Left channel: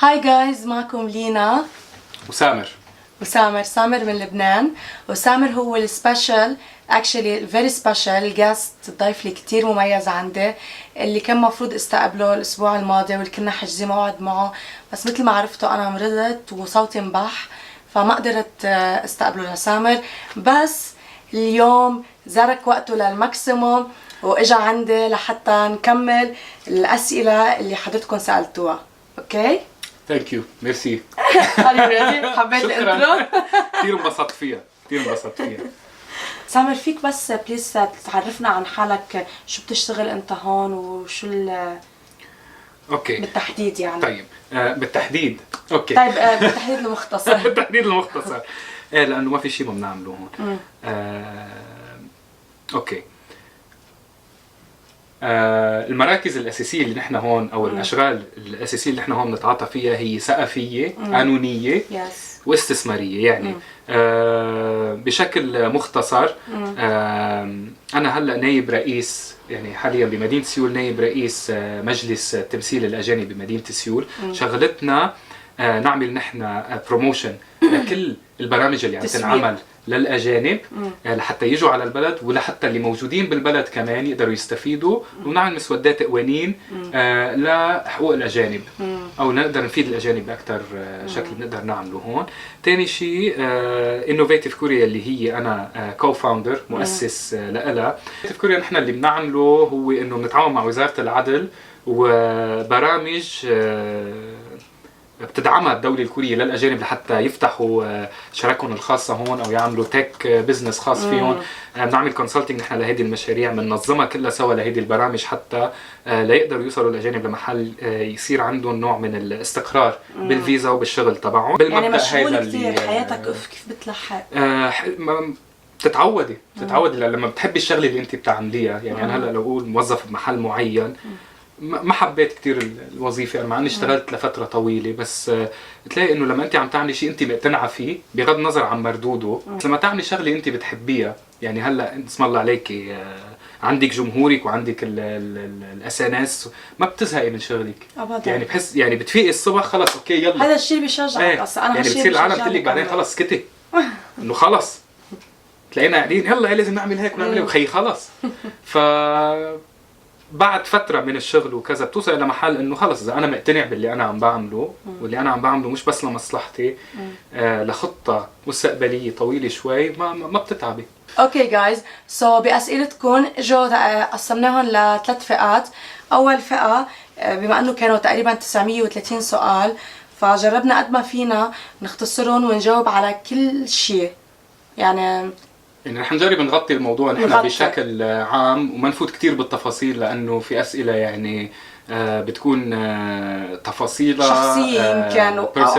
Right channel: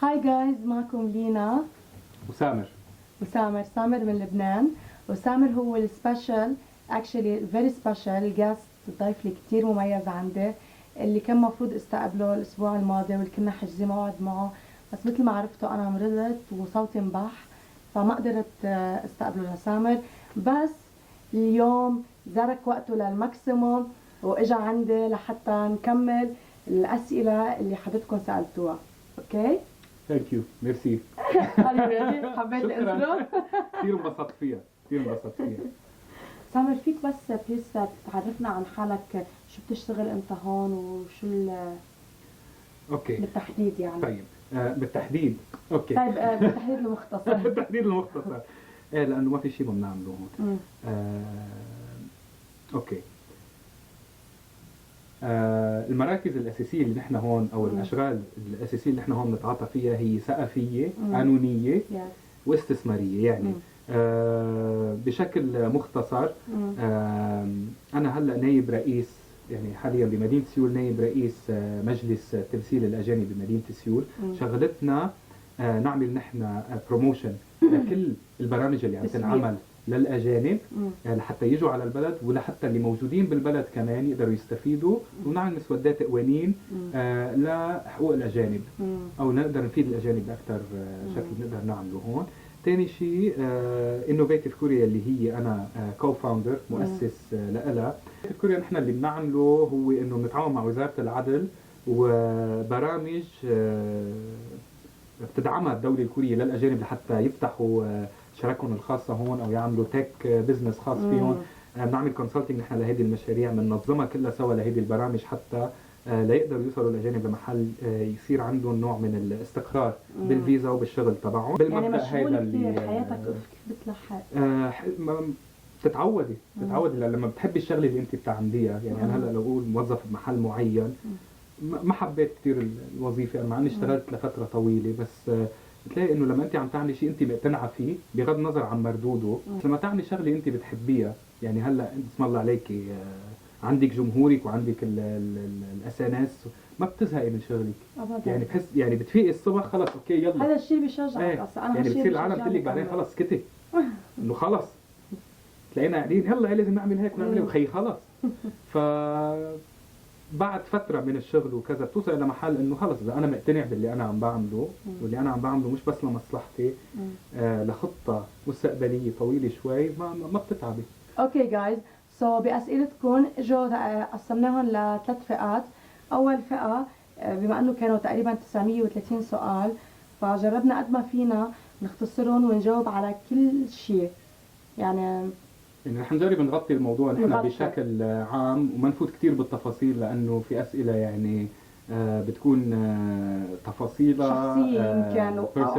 هاي جايز، معكم لينا وسامر من لبنان. وسامر هو السبيشال اكشلي فيري سبيشال جاست، ضيف لي كثير مميز عندي، اللي كان مفروض استقبله الاسبوع الماضي واللي كنا حاجزين موعد معه، بس مثل ما عرفتوا انا مرضت وصوتي انبح فما قدرت استقبله لسامر. بس اليوم زرك وقته للماكسيموم واجا عندي لحتى نكمل الاسئله اللي حضرتكم سالتوها. اوكي؟ ثانك يو، ميرسي. حبيت الانترو. كثير انبسطت فيها. سامر، فيك بس بليز تعرفنا عن حالك، شو بتشتغل انت هون وشو اوكي بالتحديد يعني؟ طيب بالتحديد اوكي. طيب بالتحديد المختصر. بالتحديد المختصر. ايه لانه ما في شيء ما بنعمله هون. اوكي. المراكز الاساسيه اللي نحن هون او الاشغال الاساسيه اللي نحن هون بنتعاطى فيها هي ثقافيه، قانونيه، واستثماريه. يعني بشكل مختصر انا هلا نائب رئيس، يعني حاليا بمدينه سيول نائب رئيس مجلس تمثيل الاجانب بمدينه سيول. شغلتنا نعمل نحن بروموشن لكل البرامج اللي عم تنعمل للاجانب لحتى يجوا على البلد، ولحتى اللي موجودين بالبلد كمان يقدروا يستفيدوا، ونعمل مسودات قوانين لحقوق الاجانب، او نقدر نفيد الاجانب باكثر شكل بنقدر نعمله هون. ثاني شيء انوفيتيف كوريا اللي هي انا كو فاوندر مؤسس لها. انوفيتيف كوريا نحن اللي بنعمله هو انه بنتعاون مع وزاره العدل وبرامج بتدعمها الدولة الكورية للأجانب لحتى يفتحوا شركهم الخاصة هون أو يعملوا تك بزنس خاص فيهم. بنعمل كونسلتنج نحن لهذه المشاريع، بننظمها كلها سوا لهذه البرامج حتى ليقدروا يوصلوا الأجانب لمحل يصير عندهم نوع من الاستقرار بالفيزا وبالشغل تبعهم. يعني مشغول كثير حياتك، كيف بتلحق؟ بتتعودي لما بتحبي الشغله اللي انت بتعمليها. يعني انا هلا لو اقول موظف بمحل معين ما حبيت كثير الوظيفه، مع اني اشتغلت لفتره طويله، بس بتلاقي انه لما انت عم تعملي شيء انت مقتنعه فيه بغض النظر عن مردوده، لما تعملي شغله انت بتحبيها، يعني هلا اسم الله عليكي عندك جمهورك وعندك الاسانس، ما بتزهقي من شغلك ابدا. يعني بحس يعني بتفيقي الصبح خلص اوكي يلا، هذا الشيء بيشجعك اصلا. انا يعني بتصير العالم تقول لك بعدين خلص سكتي انه خلص تلاقينا قاعدين يلا لازم نعمل هيك ونعمل هيك وخي خلص. ف بعد فترة من الشغل وكذا بتوصل إلى محل إنه خلص إذا أنا مقتنع باللي أنا عم بعمله، واللي أنا عم بعمله مش بس لمصلحتي، لخطة مستقبلية طويلة شوي، ما بتتعبي. اوكي جايز، سو بأسئلتكم اجوا قسمناهم لثلاث فئات. أول فئة بما إنه كانوا تقريبا 930 سؤال، فجربنا قد ما فينا نختصرهم ونجاوب على كل شيء. يعني رح نجرب نغطي الموضوع نحن بشكل عام وما نفوت كثير بالتفاصيل، لانه في اسئله يعني بتكون تفاصيلها شخصيه يمكن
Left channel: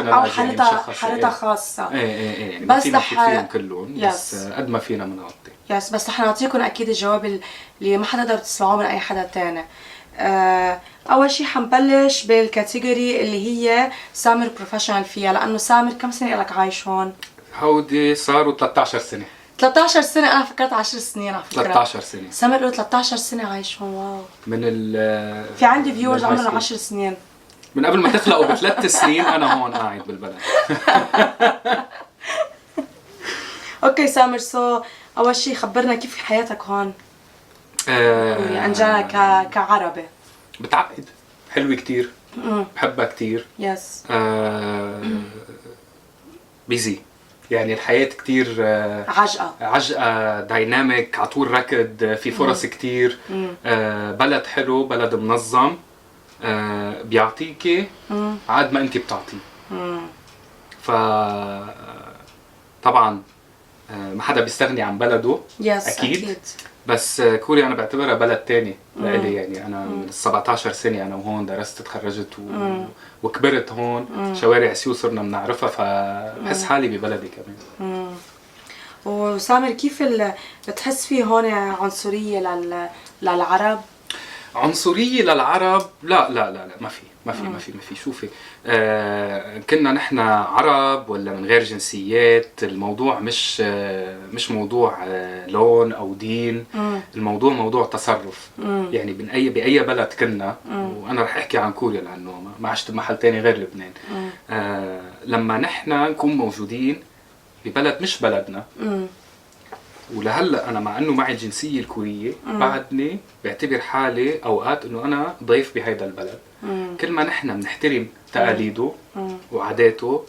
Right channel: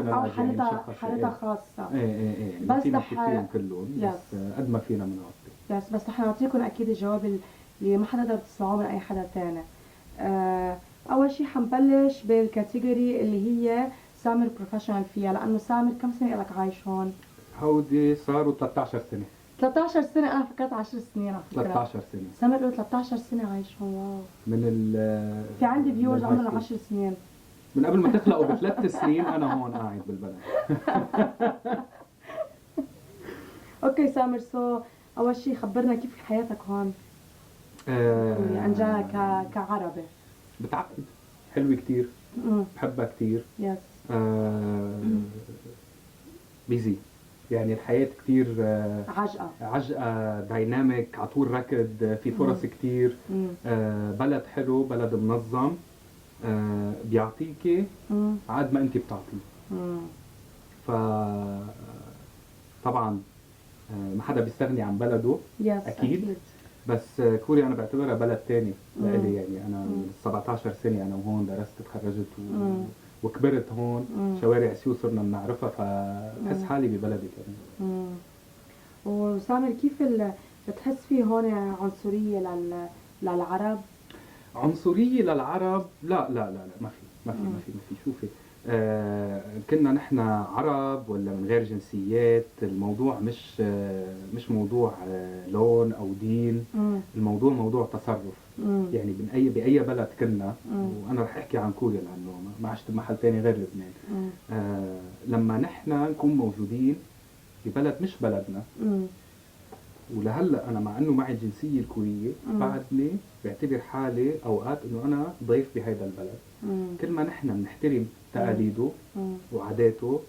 او حالتها خاصه. ايه يعني بس رح فيهم كلهم، بس قد ما فينا بنغطي. بس رح نعطيكم اكيد الجواب اللي ما حتقدروا تسمعوه من اي حدا ثاني. اول شيء حنبلش بالكاتيجوري اللي هي سامر بروفيشنال فيها، لانه سامر كم سنه لك عايش هون؟ هودي صاروا 13 سنه. 13 سنة؟ أنا فكرت 10 سنين على فكرة. 13 سنة. سامر له 13 سنة عايش هون. واو. من في عندي فيورز عمرهم 10 سنين. من قبل ما تخلقوا ب3 سنين أنا هون قاعد بالبلد. أوكي سامر، أول شيء خبرنا كيف حياتك هون؟ أنجانا كعربي. بتعقد، حلوة كتير. بحبها كتير. يس. بيزي. يعني الحياة كتير عجقة دايناميك، عطول ركض، في فرص كتير. بلد حلو، بلد منظم، بيعطيكي عاد ما انت بتعطيه. ف طبعا ما حدا بيستغني عن بلده. أكيد. بس كوريا أنا بعتبرها بلد تاني لإلي. يعني أنا من 17 سنة أنا وهون درست تخرجت وكبرت هون. شوارع سيول صرنا بنعرفها، فبحس حالي ببلدي كمان. وسامر، كيف بتحس فيه هون عنصرية للعرب؟ عنصرية للعرب لا لا لا لا ما في شوفي كنا نحن عرب ولا من غير جنسيات، الموضوع مش موضوع لون او دين، الموضوع موضوع تصرف. يعني باي بلد كنا، وانا رح احكي عن كوريا لانه ما عشت بمحل تاني غير لبنان. لما نحن نكون موجودين ببلد مش بلدنا، ولهلا انا مع انه معي الجنسيه الكوريه بعدني بعتبر حالي اوقات انه انا ضيف بهيدا البلد. كل ما نحن بنحترم تقاليده وعاداته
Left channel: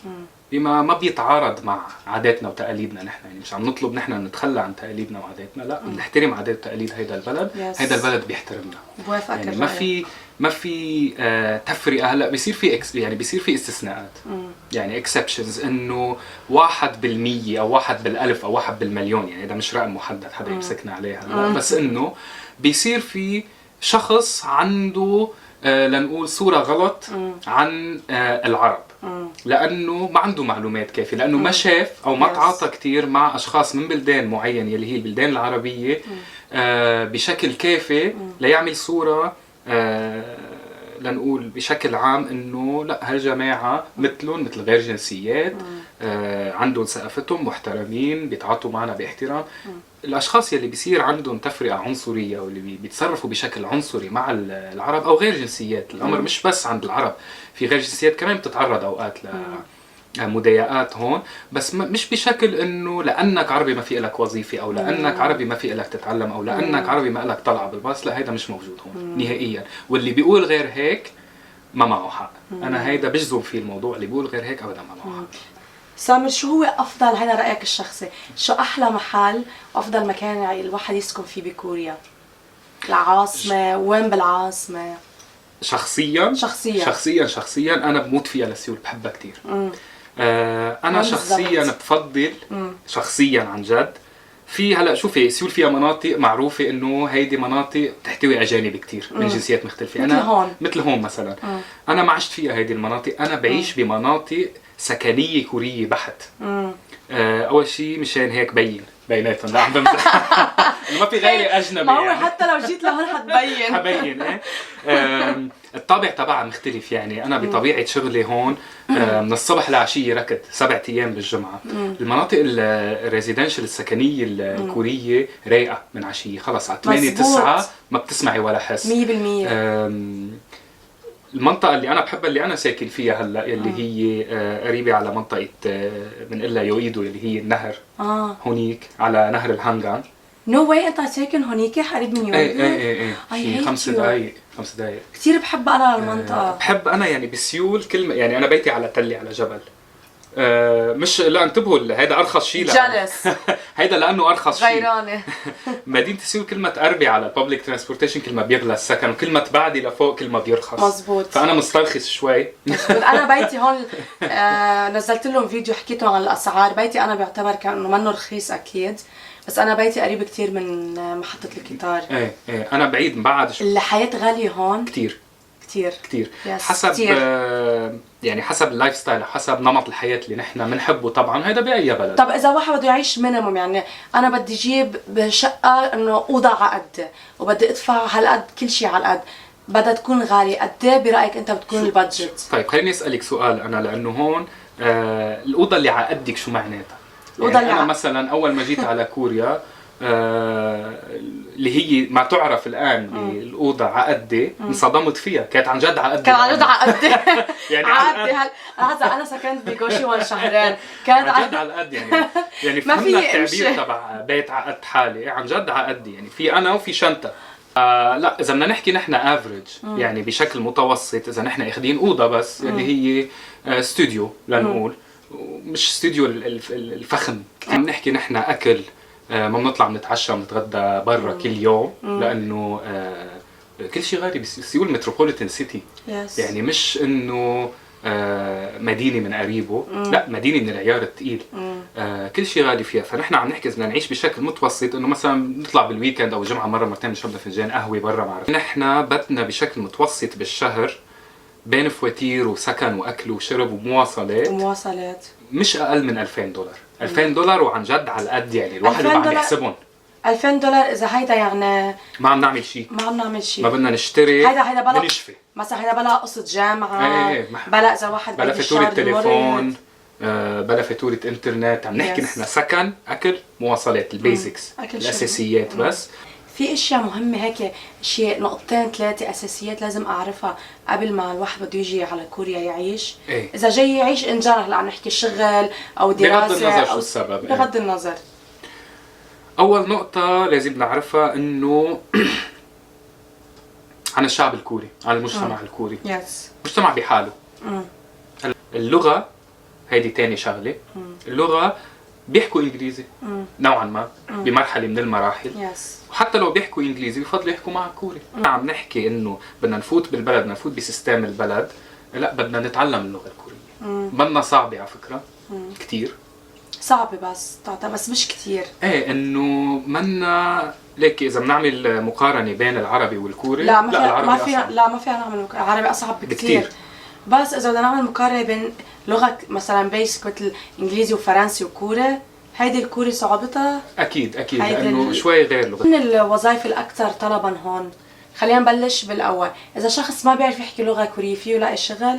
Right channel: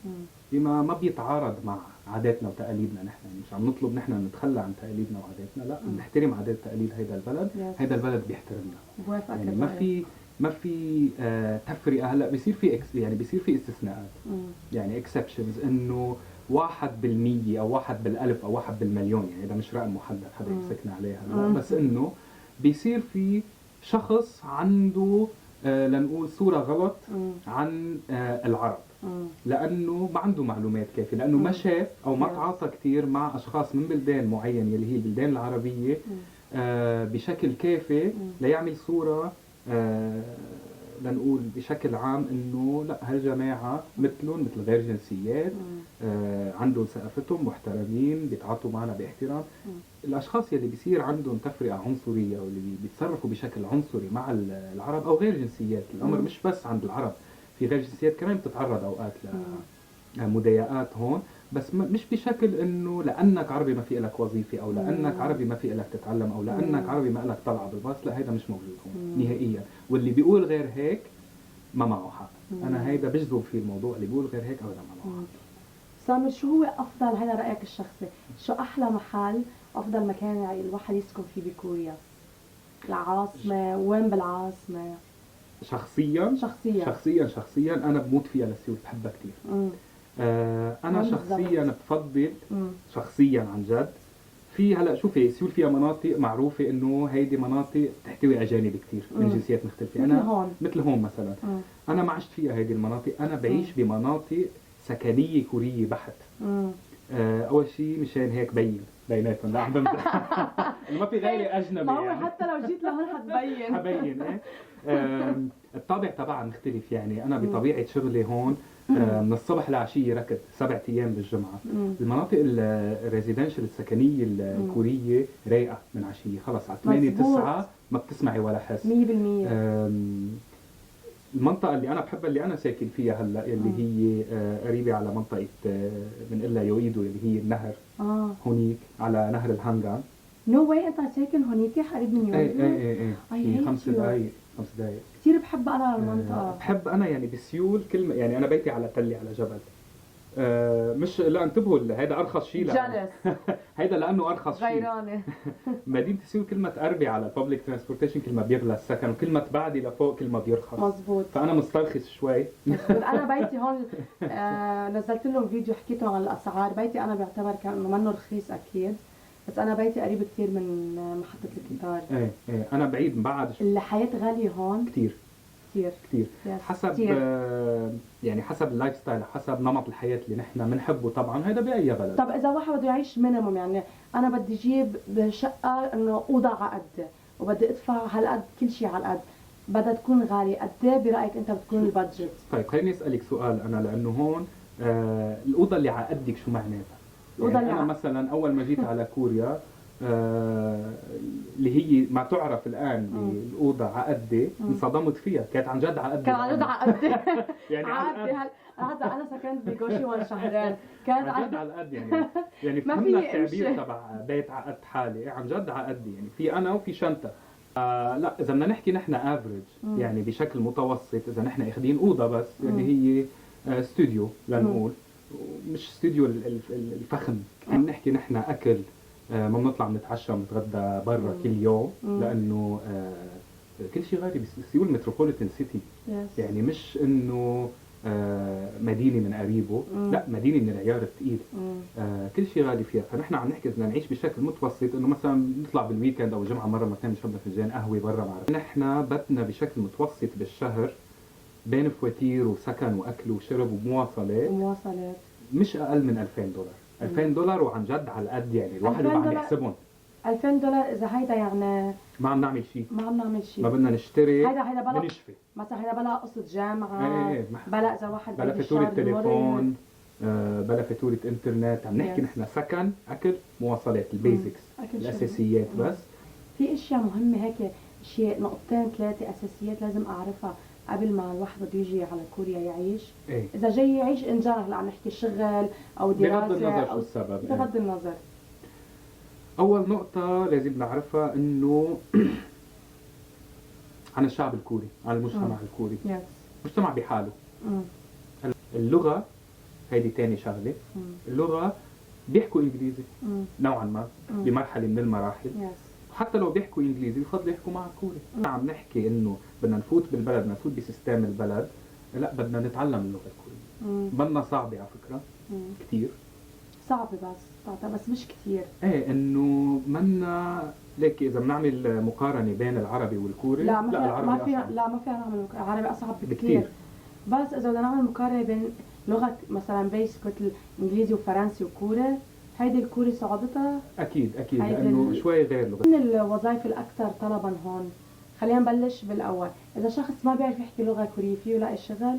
بما ما بيتعارض مع عاداتنا وتقاليدنا، نحن يعني مش عم نطلب نحن نتخلى عن تقاليدنا وعاداتنا، لا بنحترم عادات وتقاليد هيدا البلد. هيدا البلد بيحترمنا. بوافقك يعني ما في تفرقه. هلا بيصير في يعني بيصير في استثناءات، يعني اكسبشنز، انه 1% او 1 بالالف او 1 بالمليون، يعني هذا مش رقم محدد حدا يمسكنا عليه هلا، بس انه بيصير في شخص عنده لنقول صوره غلط عن العرب، لانه ما عنده معلومات كافيه، لانه ما شاف او ما تعاطى كثير مع اشخاص من بلدان معينه اللي هي البلدان العربيه بشكل كافي ليعمل صوره لنقول بشكل عام انه لا هالجماعه مثلهم مثل غير جنسيات، عندهم ثقافتهم، محترمين، بيتعاطوا معنا باحترام. الاشخاص يلي بيصير عندهم تفرقه عنصريه واللي بيتصرفوا بشكل عنصري مع العرب او غير جنسيات، الامر مش بس عند العرب، في غير جنسيات كمان بتتعرض اوقات مضايقات هون، بس مش بشكل انه لانك عربي ما في لك وظيفه، او لانك عربي ما في لك تتعلم، او لانك عربي ما لك طلعه بالباص. لا، هيدا مش موجود هون نهائيا، واللي بيقول غير هيك ما معه حق. انا هيدا بجزم فيه الموضوع، اللي بيقول غير هيك ابدا ما معه حق. سامر، شو هو افضل، هذا رايك الشخصي، شو احلى محل وافضل مكان الواحد يسكن فيه بكوريا؟ العاصمه، وين بالعاصمه؟ شخصيا انا بموت فيها لسيول، بحبها كثير. انا شخصيا بفضل شخصيا عن جد في هلا شوفي سيول فيها مناطق معروفه انه هيدي مناطق بتحتوي اجانب كثير من جنسيات مختلفه. انا مثل هون مثلا انا ما عشت فيها هيدي المناطق، انا بعيش بمناطق سكنيه كوريه بحت. اول شيء مشان هيك بيناتهم، لا عم بمزح ما في غيري اجنبي. ما هو يعني حتى لو جيت لهون حبين ايه. الطابع تبعها مختلف، يعني انا بطبيعه شغلي هون من الصبح لعشيه ركض 7 ايام بالجمعه. المناطق الريزيدنشال السكنيه الكوريه رايقه من عشيه، خلص على 8 9 ما بتسمعي ولا حس 100%. المنطقة اللي أنا بحبها اللي أنا ساكن فيها هلا، اللي هي قريبة على منطقة بنقلها يويدو، اللي هي النهر. هونيك على نهر الهانغان. نو واي، أنت ساكن هونيك قريب من يويدو؟ ايه في 5 دقايق. كثير بحب أنا المنطقة. بحب أنا يعني بسيول يعني أنا بيتي على تلة على جبل. مش لا انتبهوا، هيدا ارخص شيء جالس هيدا لانه ارخص شيء. غيرانه. مدينه سيول كل ما تقربي على الببليك ترانسبورتيشن كل ما بيغلى السكن، وكل ما تبعدي لفوق كل ما بيرخص. مزبوط. فانا مسترخص شوي. مزبوط. انا بيتي هون نزلت لهم فيديو حكيت لهم عن الاسعار. بيتي انا بعتبر كانه منه رخيص اكيد، بس انا بيتي قريب كثير من محطه القطار. ايه انا بعيد بعد شوي. الحياه غاليه هون كثير. حسب كتير. يعني حسب اللايف ستايل، حسب نمط الحياه اللي نحن بنحبه طبعا، هذا باي بلد. طب اذا واحد بده يعيش مينيموم، يعني انا بدي اجيب بشقه انه اوضه على قد، وبدي ادفع هالقد كل شيء على قد، بدها تكون غاليه، قد ايه برايك انت بتكون البادجت؟ طيب خليني اسالك سؤال انا، لانه هون الاوضه اللي على قدك شو معناتها؟ الأوضة يعني انا مثلا اول ما جيت على كوريا اللي هي ما تعرف الان بالاوضه عقدي، انصدمت فيها، كانت عن جد عقدي. كان عن جد عقدي. يعني عقدي انا سكنت بجوشيوان شهرين، كانت عن جد عقدي يعني فهمنا التعبير تبع بيت عقد حالي، عن جد عقدي. يعني في انا وفي شنطه. لا اذا بدنا نحكي نحن افريج يعني بشكل متوسط، اذا نحن اخذين اوضه بس اللي هي استوديو لنقول، مش استوديو الفخم، عم نحكي نحن اكل ما بنطلع بنتعشى ونتغدى برا كل يوم، لانه كل شيء غالي بسيول متروبوليتان سيتي. يعني مش انه مدينه من قريبه، لا مدينه من العيار الثقيل. كل شيء غالي فيها. فنحن عم نحكي اذا نعيش بشكل متوسط، انه مثلا نطلع بالويكند او الجمعه مره مرتين نشرب فنجان قهوه برا، ما بعرف. نحن بدنا بشكل متوسط بالشهر بين فواتير وسكن واكل وشرب ومواصلات مش اقل من $2000. $2000 وعن جد على القد، يعني الواحد ما عم يحسبهم. $2000 اذا هيدا يعني ما عم نعمل شيء، ما عم نعمل شيء. ما بدنا نشتري، هيدا بلا بنشفي مثلا، هيدا بلا قصة جامعة، ايه بلا اذا واحد بلا بده فاتورة يشتغل تليفون، بلا فاتورة انترنت. عم نحكي نحن سكن، اكل، مواصلات، البيزكس، الاساسيات بس. في اشياء مهمة هيك، شيء نقطتين ثلاثة اساسيات لازم اعرفها قبل ما الواحد بده يجي على كوريا يعيش. ايه اذا جاي يعيش ان جنرال، هلا عم نحكي شغل او دراسة بغض النظر شو او السبب. بغض النظر، اول نقطة لازم نعرفها انه عن الشعب الكوري، عن المجتمع الكوري. يس. مجتمع بحاله. اللغة هيدي تاني شغلة. اللغة بيحكوا انجليزي نوعا ما بمرحلة من المراحل. يس. وحتى لو بيحكوا انجليزي بفضلوا يحكوا معك كوري. عم نحكي انه بدنا نفوت بالبلد، بدنا نفوت بسيستم البلد، لا بدنا نتعلم اللغة الكورية. منا صعبة على فكرة، كتير صعبة بس مش كتير. ايه انه منا ليك اذا بنعمل مقارنة بين العربي والكوري، لا ما العربي فيها أصعب. لا ما فيها نعمل العربي اصعب بكتير. بكتير. بس اذا بدنا نعمل مقارنة بين لغة مثلا بيسك مثل انجليزي وفرنسي وكوري، هيدي الكوري صعوبتها اكيد لانه شوي غير لغة. من الوظائف الاكثر طلبا هون، خلينا نبلش بالاول. اذا شخص ما بيعرف يحكي لغة كورية فيه يلاقي شغل؟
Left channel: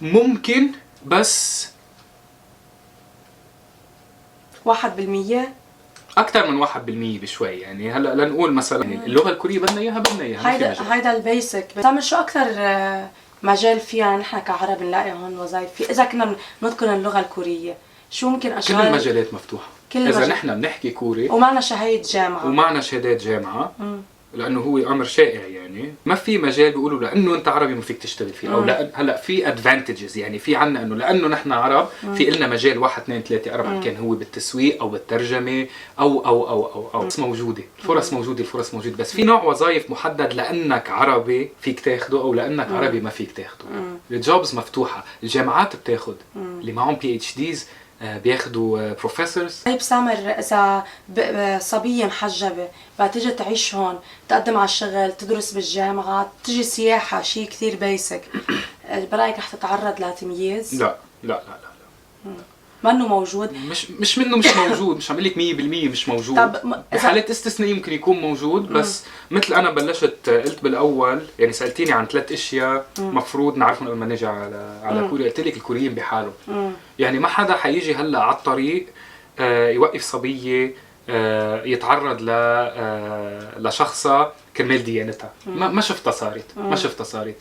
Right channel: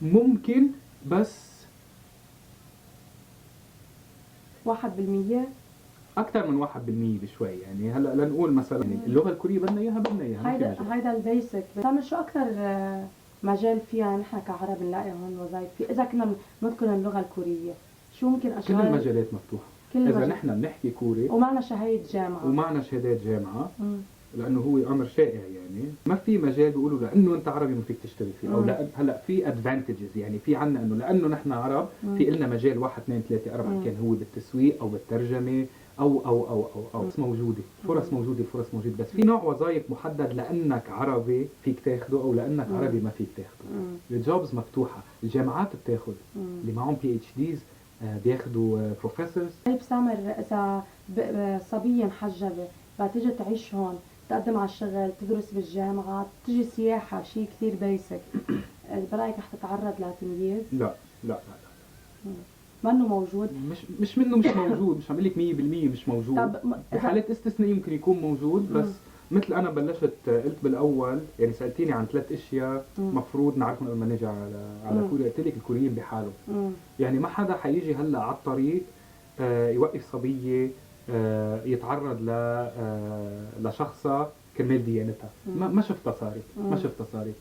ممكن، بس 1%. اكثر من 1% بشوي. يعني هلا لنقول مثلا اللغة الكورية بدنا اياها ما في مجال. هيدا البيسك. بتعمل شو اكثر مجال فيها نحن كعرب نلاقي هون وظائف فيه اذا كنا نتقن اللغة الكورية؟ شو ممكن اشغال؟ كل المجالات مفتوحة. اذا نحن بنحكي كوري ومعنا شهادة جامعة ومعنا شهادات جامعة، لانه هو امر شائع. يعني ما في مجال بيقولوا لانه انت عربي ما فيك تشتغل فيه، او لا. هلا في ادفانتجز، يعني في عنا انه لانه نحن عرب في لنا مجال 1 2 3 4 كان هو بالتسويق او بالترجمه او موجوده الفرص موجوده. بس في نوع وظائف محدد لانك عربي فيك تاخده، او لانك عربي ما فيك تاخده. الجوبز مفتوحه، الجامعات بتاخد اللي معهم PhDs بياخدوا بروفيسورز. طيب سامر، اذا صبية محجبة بدها تيجي تعيش هون، تقدم على الشغل، تدرس بالجامعة، تجي سياحة، شيء كثير بيسك، برايك رح تتعرض لتمييز؟ لا. منه موجود. مش موجود. مش عم لك 100% مش موجود. طب بحالات استثنائية ممكن يكون موجود. بس مثل انا بلشت قلت بالاول، يعني سالتيني عن 3 اشياء مفروض نعرفهم قبل ما نيجي على كوريا. قلت لك الكوريين بحالهم. يعني ما حدا حيجي هلا على الطريق يوقف صبية يتعرض لشخصة كرمال ديانتها. ما شفتها صارت.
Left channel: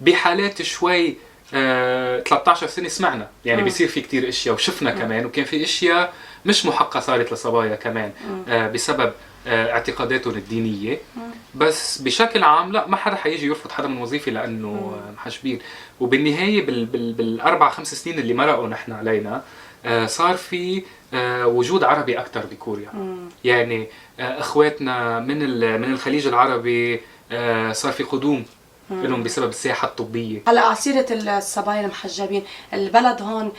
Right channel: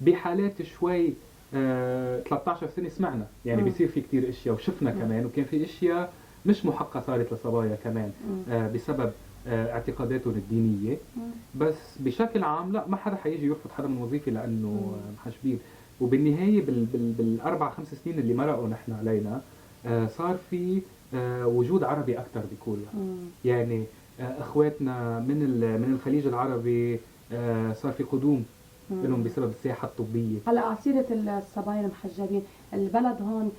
بحالات شوي 13 سنة سمعنا، يعني بيصير في كتير اشياء وشفنا كمان، وكان في اشياء مش محقة صارت لصبايا كمان بسبب اعتقاداتهم الدينية. بس بشكل عام لا، ما حدا حيجي يرفض حدا من وظيفة لأنه محجبين. وبالنهاية بالأربع 5 سنين اللي مرقوا نحن علينا صار في وجود عربي أكتر بكوريا. يعني اخواتنا من الخليج العربي صار في قدوم لهم بسبب السياحة الطبية. هلا على سيرة الصبايا المحجبين، البلد هون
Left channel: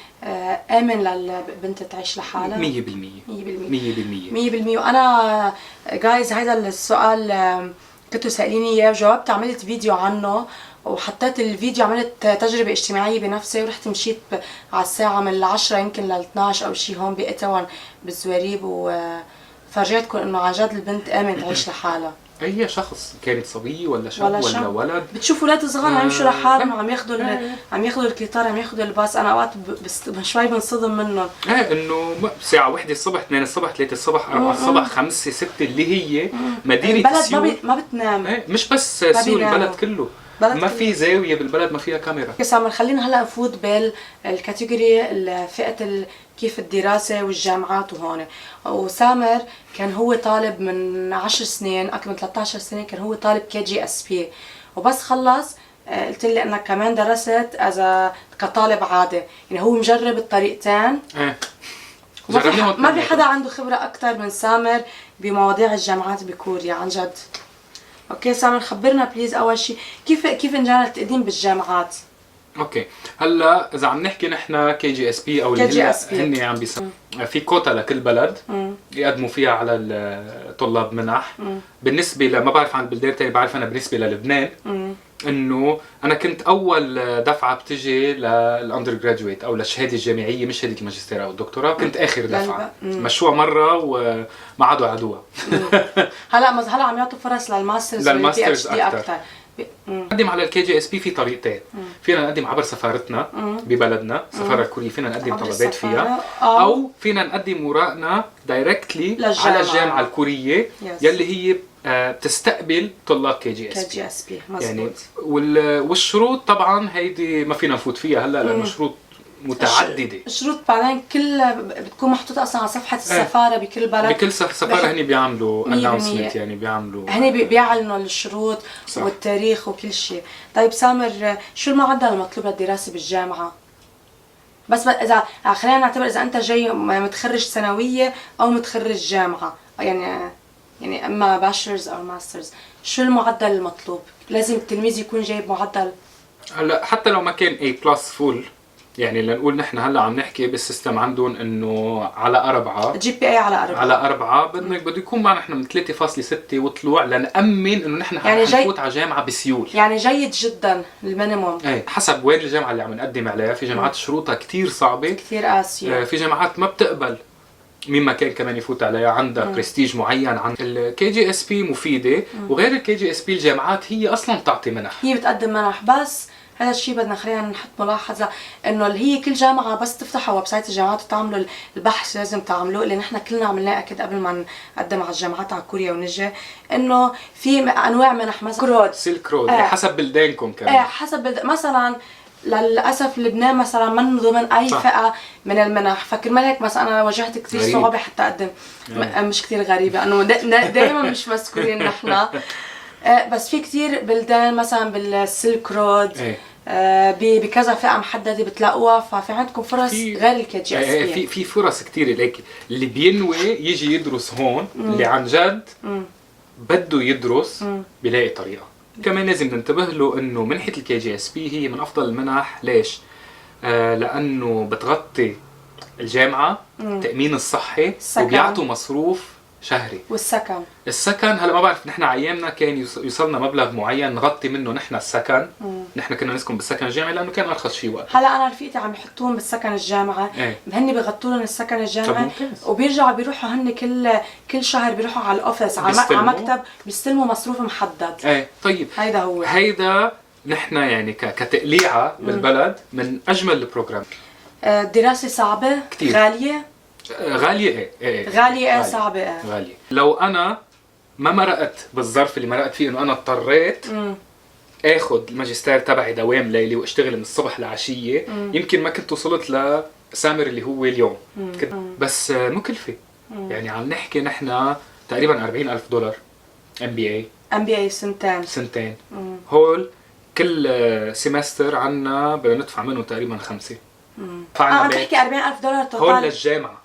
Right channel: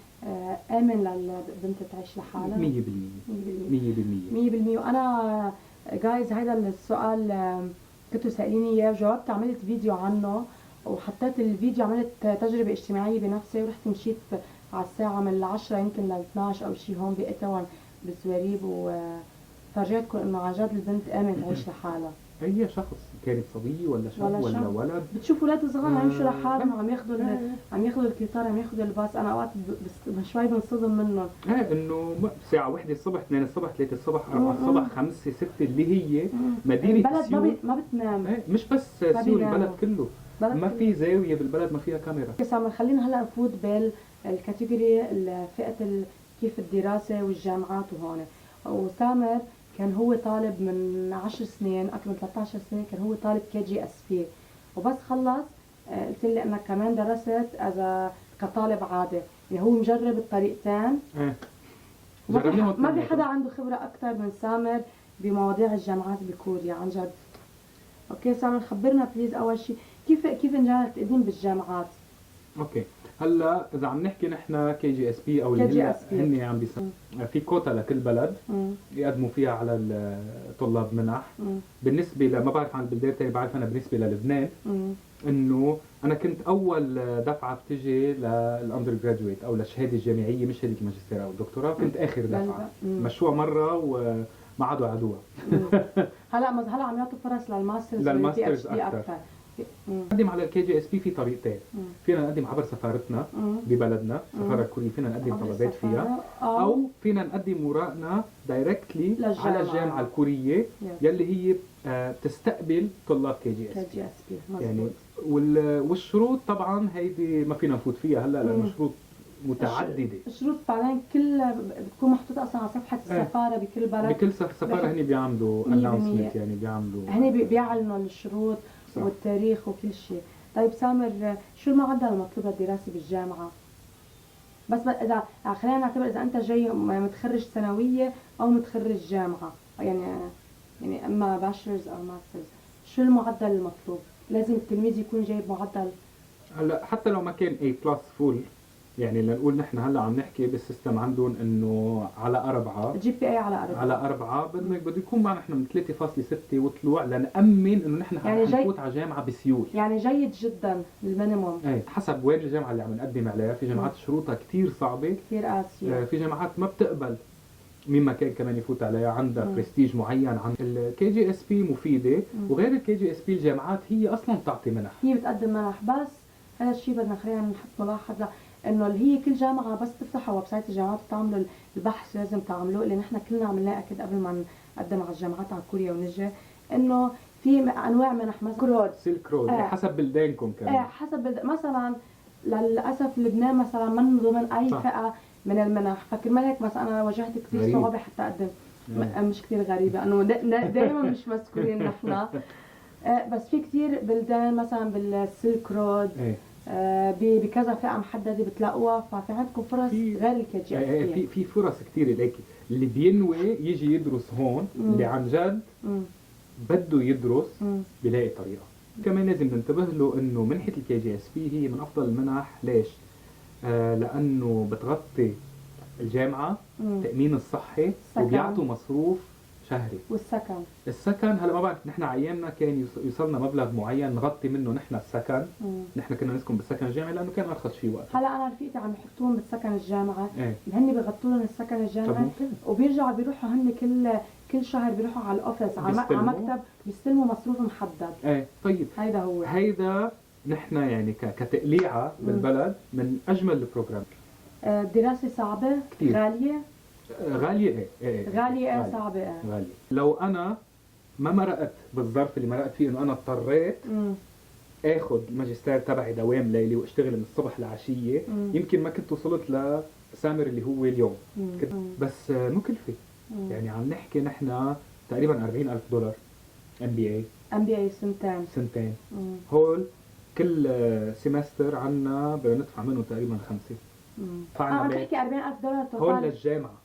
آمن للبنت تعيش لحالها؟ 100%. وأنا جايز هيدا السؤال كنتوا سأليني إياه وجاوبت، عملت فيديو عنه وحطيت الفيديو، عملت تجربة اجتماعية بنفسي، ورحت مشيت على الساعة من 10 يمكن ل 12 أو شي هون بإتوان بالزواريب، وفرجيتكم إنه عن جد البنت آمن تعيش لحالها. اي شخص، كانت صبيه ولا شاب ولا ولد. بتشوف اولاد صغار عم يمشوا لحالهم، عم ياخذوا القطار، عم ياخذوا الباص. انا اوقات شوي بنصدم منهم. انه ساعه 1 الصبح، 2 الصبح، 3 الصبح، 4 الصبح، 5 6 اللي هي مدينه سيول. البلد ما بتنام. مش بس سيول، البلد كله ما في زاويه بالبلد ما فيها كاميرا. سامر، خلينا هلا نفوت بالكاتيجوري فئه كيف الدراسة والجامعات وهون. وسامر كان هو طالب من 10 سنين، أكثر من 13 سنة كان هو طالب KGSP، وبس خلص قلت لي انك كمان درست كطالب عادي، يعني هو مجرب الطريقتين. ما في حدا عنده خبرة أكثر من سامر بمواضيع الجامعات بكوريا عن جد. اوكي سامر، خبرنا بليز أول شيء كيف انجرى التقديم بالجامعات؟ اوكي هلا اذا عم نحكي نحن KGSP او اللي KGSP. هن عم بيسموا في كوتا لكل بلد يقدموا فيها على الطلاب منح. بالنسبه ما بعرف عن البلدان الثانيه، بعرف انا بالنسبه للبنان انه انا كنت اول دفعه بتجي للاندر جراجويت او للشهاده الجامعيه، مش شهاده الماجستير او الدكتوراه، كنت اخر دفعه. مشروع مره وما عادوا عدوها. هلا عم يعطوا فرص للماسترز للماسترز PhD اكثر. نقدم على KGSP في طريقتين. فينا نقدم عبر سفارتنا ببلدنا، السفاره الكوريه، فينا نقدم طلبات فيها، او فينا نقدم ورقنا دايركتلي على الجامعه الكوريه يلي هي بتستقبل طلاب KGSP. يعني والشروط طبعا هيدي ما فينا نفوت فيها هلا لانه شروط متعدده. الشروط بعدين كلها بتكون محطوطه اصلا على صفحه السفاره بكل بلد. بكل سفاره هني بيعملوا اناونسمنت، يعني بيعملوا هني بيعلنوا الشروط صح. والتاريخ وكل شيء. طيب سامر، شو المعدل المطلوب للدراسه بالجامعه؟ بس اذا خلينا نعتبر اذا انت جاي متخرج ثانويه او متخرج جامعه، يعني اما باشلرز او ماسترز، شو المعدل المطلوب؟ لازم التلميذ يكون جايب معدل. هلا حتى لو ما كان A+ فول، يعني لنقول نحن هلا عم نحكي بالسيستم عندهم انه على 4 GPA على 4 بده يكون معنا نحن من 3.6 وطلوع لنأمن انه نحن يعني حنفوت على جامعه بسيول. يعني جيد جدا المينيموم. ايه حسب وين الجامعه اللي عم نقدم عليها. في جامعات شروطها كثير صعبه، كثير قاسيه. في جامعات ما بتقبل مين ما كان كمان يفوت عليها، عندها برستيج معين. عن KGSP مفيده، وغير KGSP الجامعات هي اصلا بتعطي منح، هي بتقدم منح. بس هذا الشيء بدنا خلينا نحط ملاحظه انه اللي هي كل جامعه بس تفتحوا ويب سايت الجامعات وتعملوا البحث لازم تعملوه، اللي نحن كلنا عملناه اكيد قبل ما نقدم على الجامعات على كوريا ونجي، انه في انواع منح مثلا سيلك رود حسب بلدانكم كمان. حسب مثلا للاسف لبنان مثلا من ضمن اي صح. فئه من المنح، فكرمال هيك مثلا انا واجهت كثير صعوبه حتى اقدم. مش كثير غريبه انه دائما مش مذكورين نحن. بس في كثير بلدان مثلا بالسيلك رود بكذا فئه محدده بتلاقوها، ففي عندكم فرص غير KGSP. في فرص كثير لك. اللي بينوي يجي يدرس هون، اللي عن جد بده يدرس بيلاقي طريقه. كمان لازم ننتبه له انه منحه KGSP هي من افضل المنح. ليش؟ لانه بتغطي الجامعه، التامين الصحي، وبيعطوا مصروف شهري. السكن هلا ما بعرف، نحن على ايامنا كان يوصلنا مبلغ معين نغطي منه نحن السكن. نحن كنا نسكن بالسكن الجامعي لانه كان ارخص شيء وقت. هلا انا رفيقتي عم يحطوهم بالسكن الجامعي. هن بيغطوا لهم السكن الجامعي وبيرجعوا بيروحوا هن كل شهر بيروحوا على الاوفيس على مكتب بيستلموا مصروف محدد. طيب هيدا نحن يعني كتقليعه بالبلد من اجمل البروجرام. الدراسه صعبه كتير. غاليه غالية صعبة. غالية. لو أنا ما مرقت بالظرف اللي مرقت فيه، إنه أنا اضطريت آخذ الماجستير تبعي دوام ليلي واشتغل من الصبح لعشية، يمكن ما كنت وصلت لسامر اللي هو اليوم. بس مكلفة. يعني عم نحكي نحن تقريبا $40,000 MBA سنتين. هول كل سيمستر عنا بدنا ندفع منه تقريبا 5. عم تحكي $40,000 توتال هول للجامعة.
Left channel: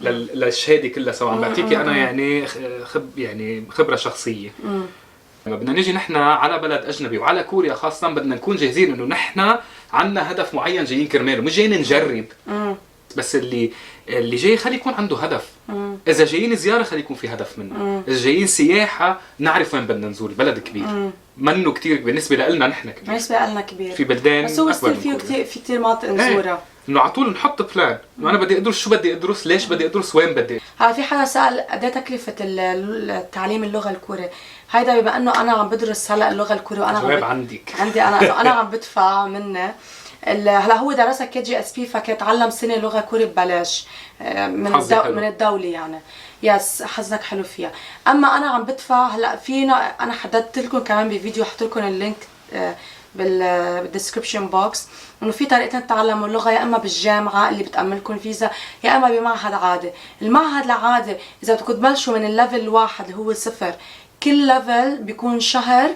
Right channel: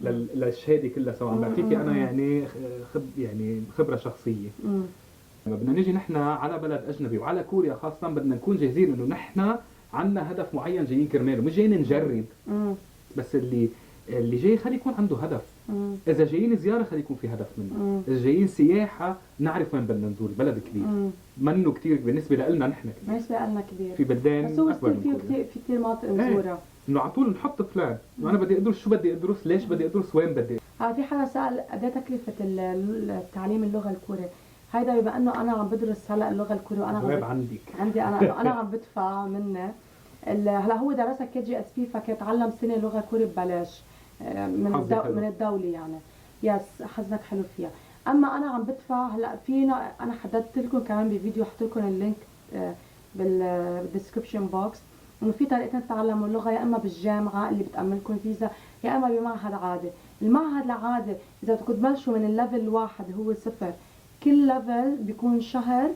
للشهاده كلها سوا. عم بعطيكي انا يعني خبره شخصيه. لما بدنا نيجي نحن على بلد اجنبي وعلى كوريا خاصه، بدنا نكون جاهزين انه نحن عندنا هدف معين جايين كرماله، مش جايين نجرب. بس اللي جاي خلي يكون عنده هدف. اذا جايين زياره خلي يكون في هدف منه. اذا جايين سياحه نعرف وين بدنا نزور. بلد كبير منه كتير بالنسبه لنا نحن كبير. بالنسبه لنا كبير في بلدان، بس هو في كثير مناطق نزورها. انه على طول نحط بلان، انه انا بدي ادرس شو بدي ادرس، ليش بدي ادرس، وين بدي. هلا في حدا سال قد ايه تكلفه تعليم اللغه الكوريه. هيدا بما انه انا عم بدرس هلا اللغه الكوريه وانا جواب عندي انا عم بدفع منه. هلا هو درسها KGSP فكيتعلم سنه لغه كوري ببلاش من الدوله يعني. يس حظك حلو فيها. اما انا عم بدفع هلا فينا، انا حددت لكم كمان بفيديو، حط لكم اللينك بالديسكربشن بوكس، انه في طريقتين تتعلموا اللغه، يا اما بالجامعه اللي بتاملكم فيزا، يا اما بمعهد عادي. المعهد العادي اذا بدكم تبلشوا من الليفل 1 اللي هو 0، كل ليفل بيكون شهر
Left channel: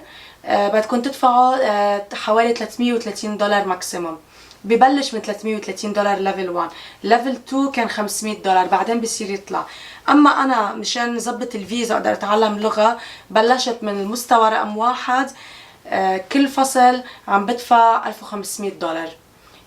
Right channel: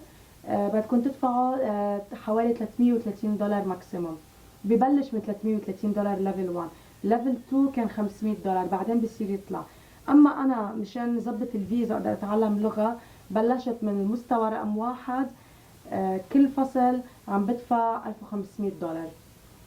بدكم تدفعوا حوالي $330 ماكسيموم. ببلش من $330 ليفل 1. ليفل 2 كان $500 بعدين بصير يطلع. اما انا مشان نظبط الفيزا اقدر اتعلم لغه بلشت من المستوى رقم 1 كل فصل عم بدفع $1500.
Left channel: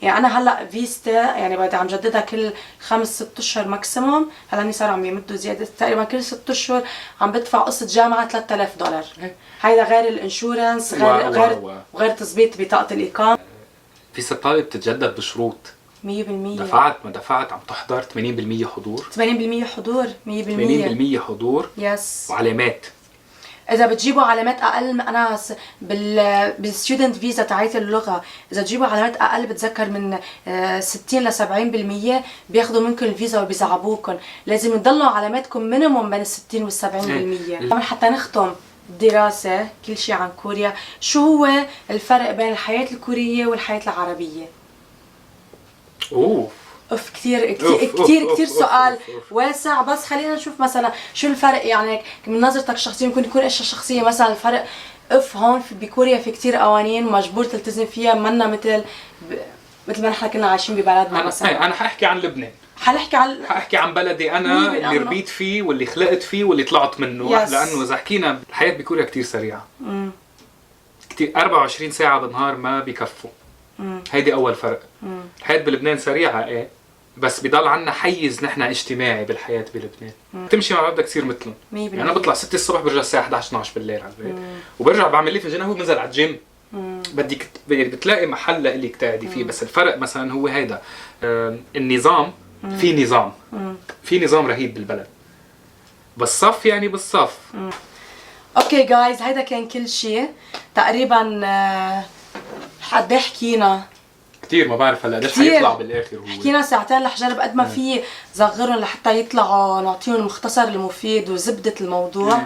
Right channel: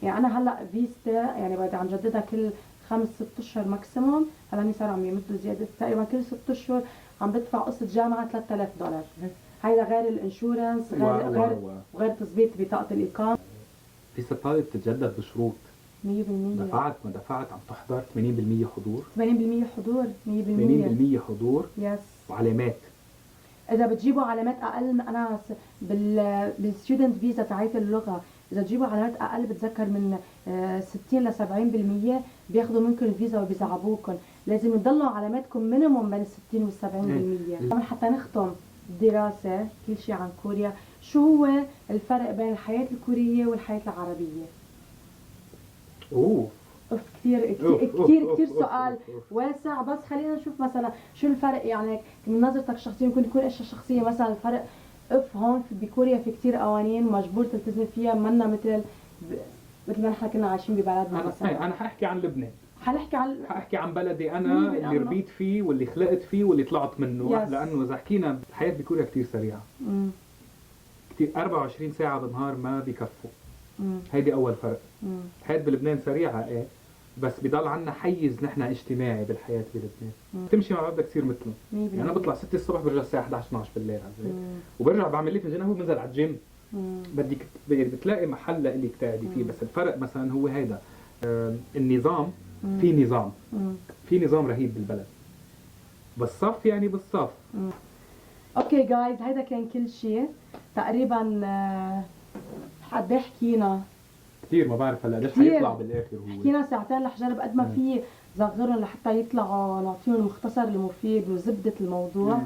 يعني انا هلا فيستا يعني بدي عم جددها كل 5-6 اشهر ماكسيموم. هلا هني صاروا عم يمدوا زياده، تقريبا كل 6 اشهر عم بدفع قصه جامعه $3000. هيدا غير الانشورنس، غير تظبيط بطاقه الاقامه. فيزا الطالب بتتجدد بشروط. 100%. دفعت ما دفعت عم تحضر 80% حضور. 80% حضور. 80% حضور. يس. وعلامات. اذا بتجيبوا علامات اقل، انا بالستودنت فيزا تاعت اللغه اذا تجيبوا علامات اقل بتذكر من 60 ل 70% بياخذوا منكم الفيزا وبيزعبوكم. لازم تضلوا علاماتكم مينيموم بين ال 60 وال 70%. طبعا حتى نختم دراسه كل شيء عن كوريا، شو هو الفرق بين الحياه الكوريه والحياه العربيه؟ اوف كثير كثير سؤال واسع، بس خلينا نشوف مثلا شو الفرق يعني من نظرتك الشخصيه. ممكن يكون اشياء شخصيه، مثلا الفرق هون بكوريا في كثير قوانين مجبور تلتزم فيها، منا مثل ما نحن كنا عايشين ببلدنا. مثلا انا حاحكي عن لبنان، حاحكي عن بلدي انا اللي ربيت فيه واللي خلقت فيه واللي طلعت منه. لانه اذا حكينا الحياه بكوريا كثير سريعه. كثير 24 ساعه بالنهار ما بكفوا. هيدي اول فرق. الحياه بلبنان سريعه بس بضل عنا حيز نحن اجتماعي بالحياه بلبنان. تمشي مع بدك تصير مثلهم. يعني انا بطلع 6 الصبح برجع الساعه 11 12 بالليل على البيت، وبرجع بعمل لي فنجان، هو بنزل على الجيم. بدك بتلاقي محل لإلك تقعدي فيه. بس الفرق مثلا هو هيدا النظام. في نظام رهيب بالبلد، بالصف يعني بالصف. اوكي جايز، هيدا كان كل شيء تقريبا. قد ايه حكينا؟ كثير، ما بعرف هلا قديش حيطلع بالاخر. هو حكينا ساعتين رح جرب قد ما في صغرهم لحتى يطلعوا نعطيهم المختصر المفيد وزبده الموضوع.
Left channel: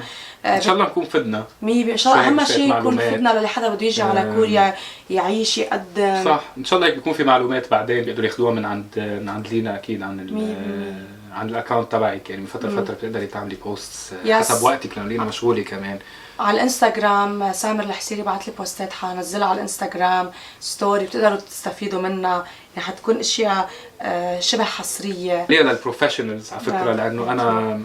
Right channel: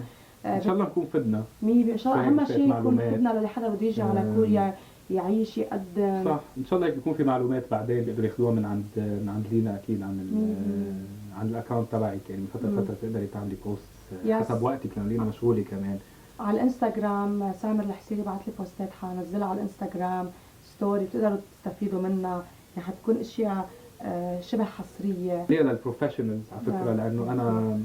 ان شاء الله نكون فدنا. ان شاء الله اهم شيء يكون فدنا للي حدا بده يجي على كوريا يعيش يقدم. صح، ان شاء الله هيك بيكون في معلومات بعدين بيقدروا ياخذوها من عند لينا اكيد عن الاكونت تبعك. يعني من فتره لفتره بتقدري تعملي بوستس حسب وقتك، لانه لينا مشغوله كمان. على الانستغرام سامر الحسيري بعت لي بوستات حنزلها على الانستغرام ستوري، بتقدروا تستفيدوا منها. يعني حتكون اشياء شبه حصريه ليه للبروفيشنالز على فكره، لانه انا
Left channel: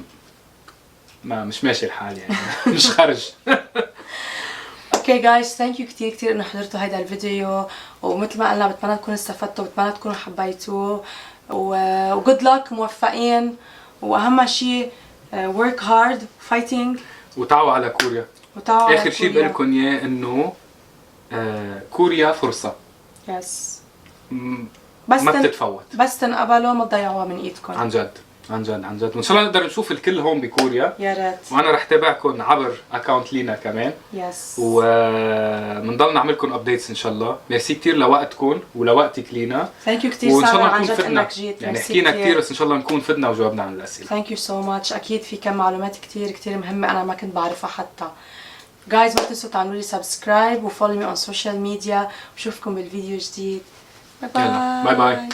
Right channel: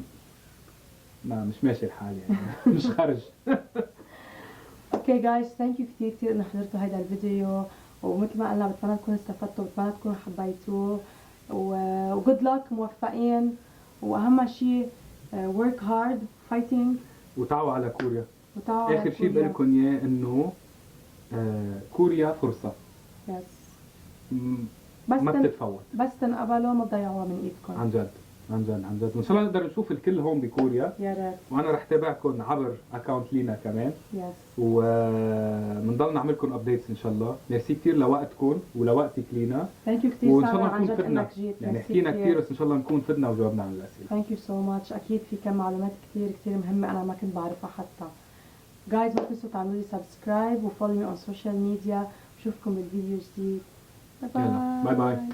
مش ماشي الحال يعني مش خرج. اوكي جايز، ثانك يو كثير انه حضرتوا هيدا الفيديو، ومثل ما قلنا بتمنى تكونوا استفدتوا، بتمنى تكونوا حبيتوه، وجود لك، موفقين، واهم شيء work hard fighting، وتعوا على كوريا. اخر شيء بقول لكم اياه انه كوريا فرصه. يس. بس ما بتتفوت، بس تنقبلوا ما تضيعوها من ايدكم. عن جد عن جد عن جد. وان شاء الله نقدر نشوف الكل هون بكوريا. يا ريت. وانا رح تابعكم عبر اكونت لينا كمان. يس. وبنضل نعملكم ابديتس ان شاء الله. ميرسي كثير لوقتكم ولوقتك لينا. ثانك يو كثير وان شاء الله عن نكون جد فدنا. انك جيت. يعني حكينا كثير بس ان شاء الله نكون فدنا وجاوبنا عن الاسئله. ثانك يو سو ماتش. اكيد في كم معلومات كثير مهمه انا ما كنت بعرفها حتى. جايز ما تنسوا تعملوا لي سبسكرايب وفولو مي اون سوشيال ميديا. بشوفكم بالفيديو جديد. باي باي. باي باي.